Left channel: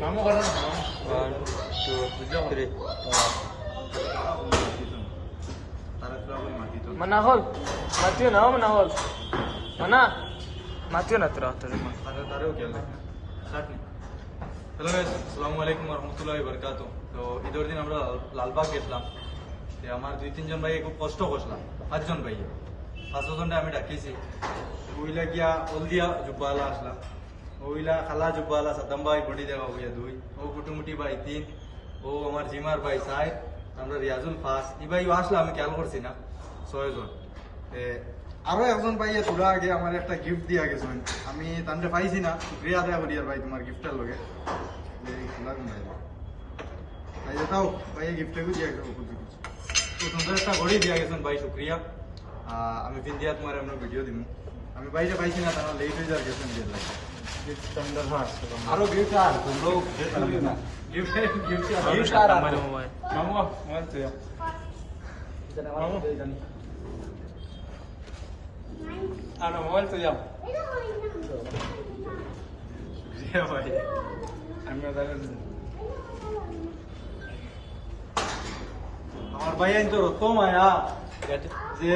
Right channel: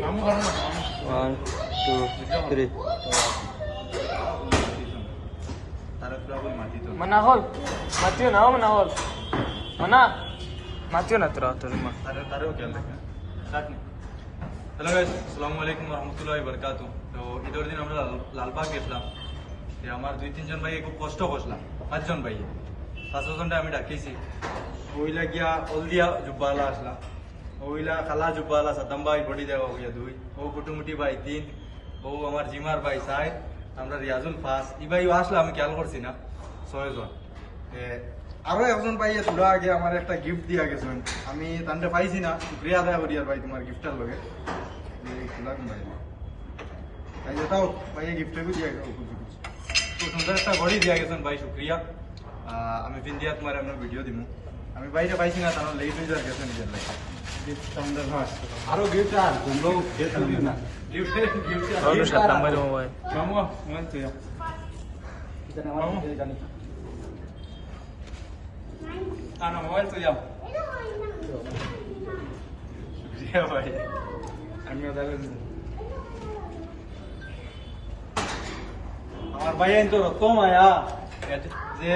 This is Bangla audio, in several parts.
One, two, three. Manahol. Matthew na, oh, manahol. Mana? Matthew na tira, tira ma. अरे तारे हो क्या स्टार्ट হ্যালো গাইস আসসালামু আলাইকুম রহমতুল্লাহি বারাকাতু তো ঈদের দিন আমরা লাল- লালবাগ গেছিলাম তো আমার দুই তিনজন ভাই খুব কষ্ট করছিলাম পাঁচজন ভাই পাঁচজনটা আমি ডাকিছি ওইলা গিয়া হলদিয়া জুব্বালা আসলাম ওইলা খালা জুব্বালা সাতাম ভাই বডি দেওয়া হইয়া দুই ও কুটুমুটি ভাই তিন ও আমার জিমার ভাই সাই আমরা রিয়াজুল ফাস ই ভাই আসলে আমি খেয়াল করছি না ছয়জন এ, আরও একজন ভাই তোরা আগে আমার একটা গিফট দিয়া গেছেন আমি তান্ডে পাইছি না শুক্রিয়া আদায় করি আর ভাই তোমার গিফটটার লগে এই খোলা কোন ভাই ভাই এটাও ভাই এই গিফটটাকে দিয়া গেছে খুব খুব সুন্দর একটা ঘড়ি দিয়া গেছেন ভাই শুক্রিয়া আহ, আমি পিন্দিয়া তোমার আমরা ভিডিও দিমু আমি বাইরে পাইছি না তাহলে লেট হয়ে যাওয়ার গেছে নিজের লাগে আরও গিফট আর তোমরাও গিফট না। Gift gift Ano siya, tambay mo ba? মামু মোবাইল তুই মামু। আনো মোবাইল তুই যাও শুক্রিয়া ভাই আমি আমার ভাই আইন তো রত মায়া যে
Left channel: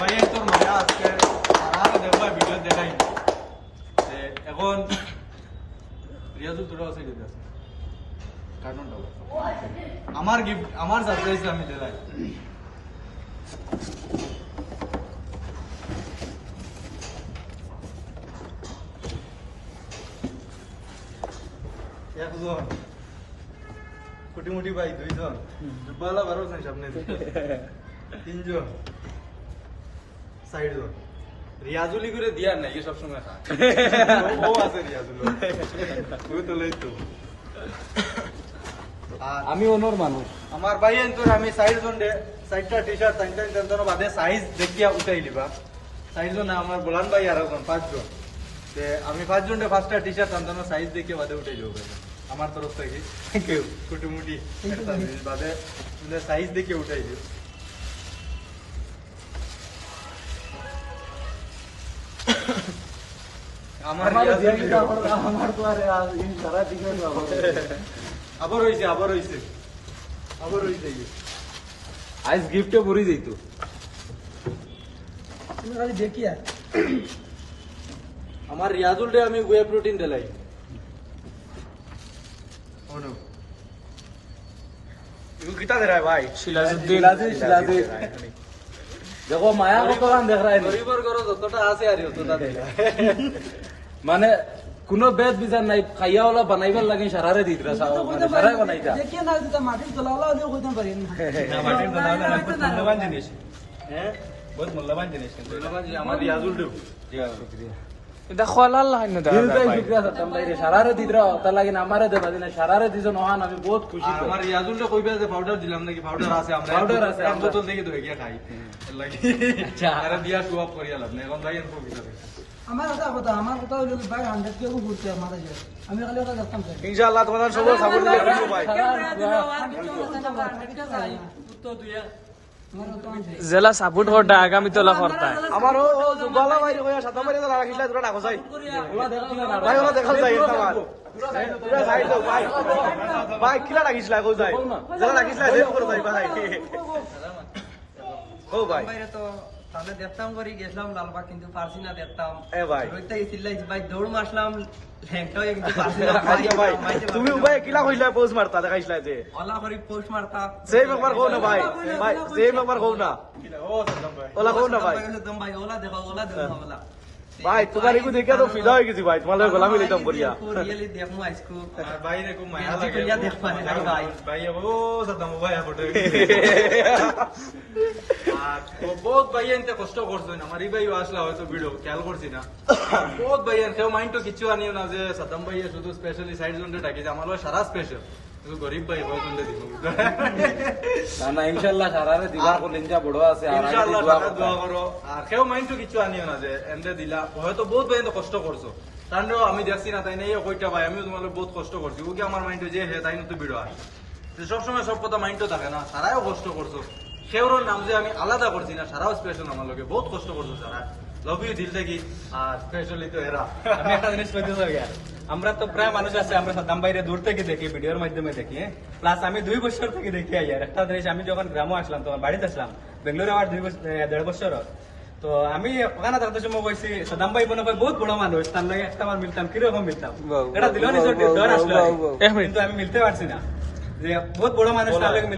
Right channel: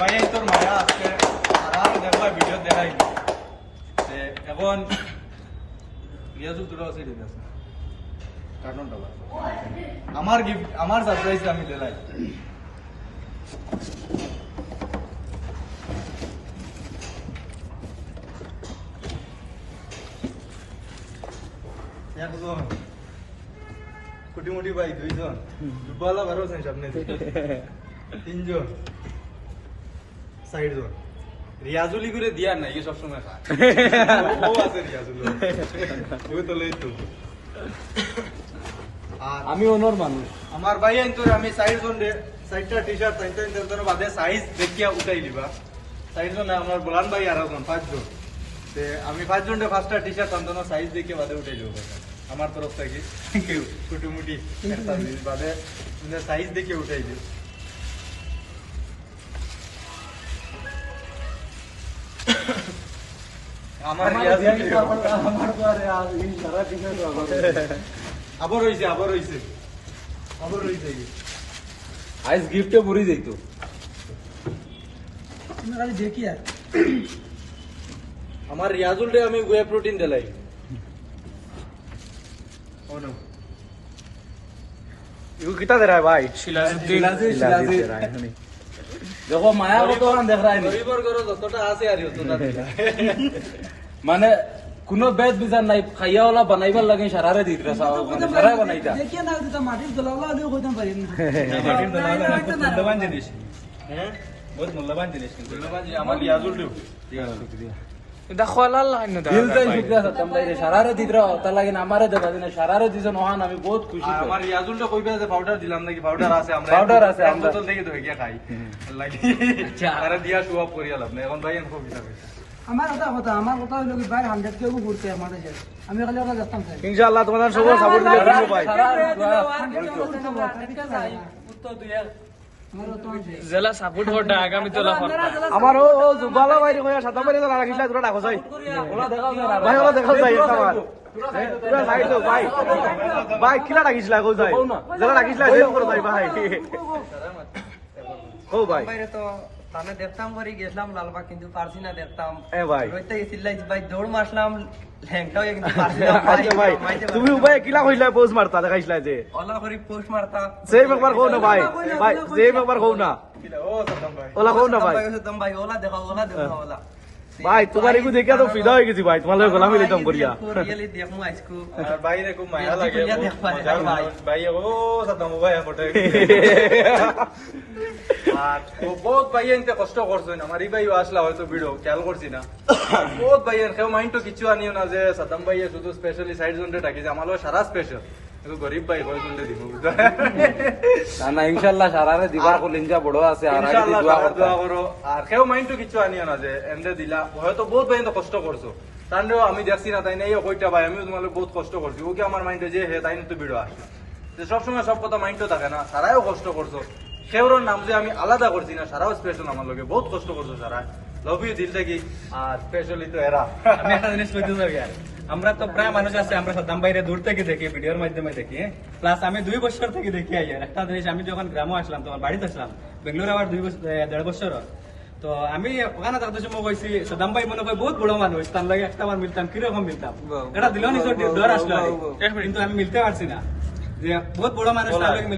ভাই তোর মায়া আজকে আরাম দেখবা ভিডিও দেখাই এখন রিয়াজুল তোরা আছে দিতে আছে। আমার গিফট আমার সারপ্রাইজ আমি দিলাই একজন কোটি মোটি ভাই দুইজন। দুবালা বারো জন সামনে তিনজন। সাইড রিয়াজুলি করে দিয়া নাই কি সবসময় খা ও আছে রিয়াজুল। ও তো লই তো। আমি অনর মানুষ। আমার ভাই তোর আমি সাইড জন দে সাইডটা টি শার্ট বাদে সাইজ দেখিয়া উঠাই দিবা। সাইড জন আমার গোলান ভাই আর জন পাঁচজন। তে আমি পাঁচজন রে পাঁচটা টি শার্ট তান্তন সাইজ দেখিয়ে বাদে উঠাই দিব। আমার তরফ থেকে কেউ কুটুমুটি বাদে সাইজ দেখে উঠাই দিও। আমার রিয়াজুল আবার হইছে আবার হইছে। আবার হইছে আইস গিফটে ভরি যাইতো আমার রিয়াজুল রে আমি ওয়ে প্রোটিন দিলাই। ওনো ইউ কিটা দে রা ভাই শিলাজুদ্দিন দেখো মায়া কত দেখ রায় গরিবর গরো যতটা আছে আর যতটা দিলা মানে কোনো বেদ বিচার নাই খাইয়া ওলা বানাইবার লাগে সারারে দিত রে মানে সারাই বানাইতা মাটির মূল্যবান জিনিস হ্যাঁ বহুত মূল্যবান জিনিস কিন্তু আমার রিয়াজুল দিও ঠিক আছে শুকরিয়া এটা খোয়ালাল লাইন না দিল তাই শুক্রিয়া সাতাম তাই সারারে দিত তার লাগে আমারে দেবা দিনা সারারে দিছ নহান আমি বহুত খুশি। আমার রিয়াজুলটা কইবে যে পাউডার দিলাম নাকি পাউডার আছে আমরা আছে, দেখি তো গিয়া খাই লাগি আরে দিয়া শো আপ করিয়া লাভ নাই এখন ভাই এনকো কিতা কইছে আমার কথা কথা আমার কথা হইল কি বাইরে হান্ড্রেড কেউ ঘুরতে আমাদের যায় আমি খালি ওরা যাতাম ইনশাআল্লাহ তোমাদের সবাই সাপোর্ট করবে ভাই আমার তো জেলা সাপোর্ট করটা আগামী তোলা করতা আমার ও ও জুবালা ভাই কইয়া সাথে করে তো রাখিস পুরো ডাকো যাই ওরা দেখাও না ভাই ওরা দেখো যাই পুরা ভাই ভাই কিলা রাখিলা লাগো যাই জেলা রাখিলা লাগো করে যাই ভাই ও ভাই বাইরে তো আমি দেখতাম করে গেছিলাম লালবাগ কিন্তু পারছি না দেখতাম। এ ভাই। রইতে গেছিলাই ভাই দৌড় মারলাম ল্যাংটা কিন্তু পারছি না পারি তুমি ভাই কিলা কইলা পোস্ট মারতা দেখাইছিলা যে? ওলা করে পোস্ট মারতা। সেই ব্যাপার কও না ভাই ভাই সেই ব্যাপার কও না। ও সাদ্দাম ভাই। ওলা কও না ভাই। ওলা দেখাও ওলা দেখাও ওলা ভাই তোমার একটু দেখে তো ফিদা হয়ে গেছি ভাই তোমার গোলামি রিতম করিয়া রিয়েলি দেখমু আজকু আর বাইরে খুব মায়া লাগে ভাই। ভাই ও সাদ্দাম ভাই ফটো। আর ও বহুত ভাই এনতে কষ্ট করছেন আমার এই ভাই আসলা হয়তো ভিডিও খেয়াল করছি না। বহুত ভাই কেউ মাইন্ড তো কিছু আনিও না যে সাদ্দাম ভাই শুধু স্পেশালি সাইড জোনটা ডাকিছে আমার লগে সারা স্পেশাল গরিব ভাই কয় জোনটা দিব না না ইনশাআল্লাহ সারারে দিবার কোন ইনজা বড় আছে ইনশাআল্লাহ দোয়া দোয়া করো। আর কেউ মাইন্ড তো কিছু আনিও না যে এমনি দিলা। হয়তো বহুত ভাই কষ্ট করছ। তান্ডেও আমি দেখছি না তাই নাই কইটা ভাই আমিও তোমাদের বহুত কষ্ট করছি। ও কি আমার মাইন্ডে যে হে তাই তো ভিডিও আসে। যে সবসময় সব কথা মাইন্ড থাকে না সারাও কষ্ট করছ। সেওর নাম যে আমি আলাদা করছি না সারাও স্পেশাল আমার লগে। বহুত কষ্ট করছ সারা। লাভ ইউ দিল থেকে আর স্পেশালি তো এরা। আমি একটা জিনিস কইতে চাই আর। আমরা তো প্রায় মানুষ আছে আমরা সাদ্দাম বাইরে দূর থেকে দেখি ভিডিওর মাধ্যমে দেখি। প্লাস আমি দুই বছর থেকে দেখি আর। একটা জিনিস আমি যখন গ্রামে আসলাম তখন বাড়িতে আসলাম বেঙ্গলোরে আমার দুই বছর দেড় বছর তো আমি ওখানে থাকতে সময় কইছি সাদ্দাম ভাই মনে হয় বহুত বড় মানুষ তার লাগে একটা আমার মিলতাম কীরকম মিলতাম? এটা দিল নিজের ডর আসলো কিন্তু আমি মিলতে পারছি না। যে বহুত বড় মানুষ তার লাগে